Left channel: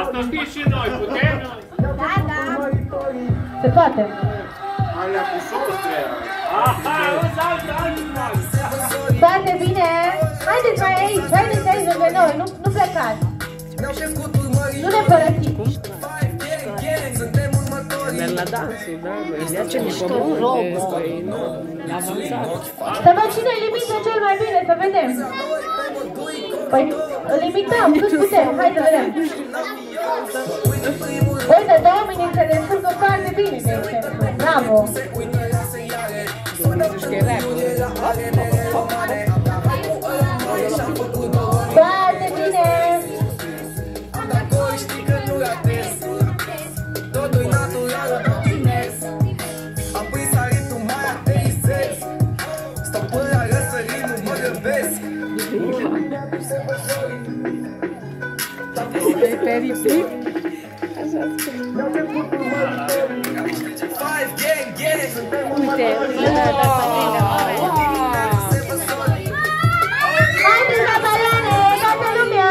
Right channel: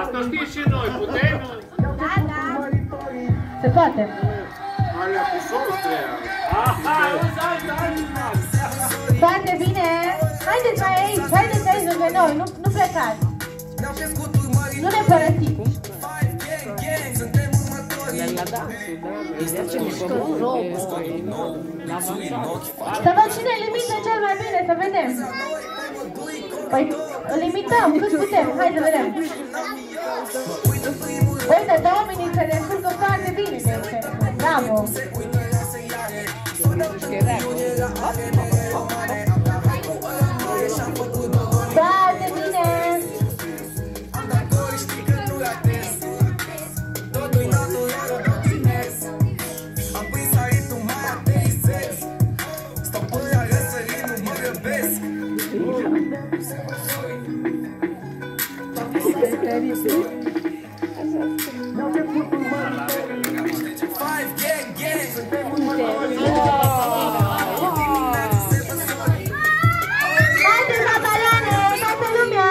Asta știi și noi, putem? Da, da. Se poate. Alea cu sos treia. Aha, o să alți. Foarte bine. Haideți mai aici, haideți aici lângă noi, nu plecați. Nu ne părăsiți. Merg la dansul, da? Vedea ce mișcă robă. Să văd cine îl imită cel mai bine, să vedem. Păi, îl imităm, cât putem, hai să vedem. Uite, de oamenii se descurcă foarte bine, de exemplu. Bravo! Foarte bine! Haideți la Mariane, toată lumea!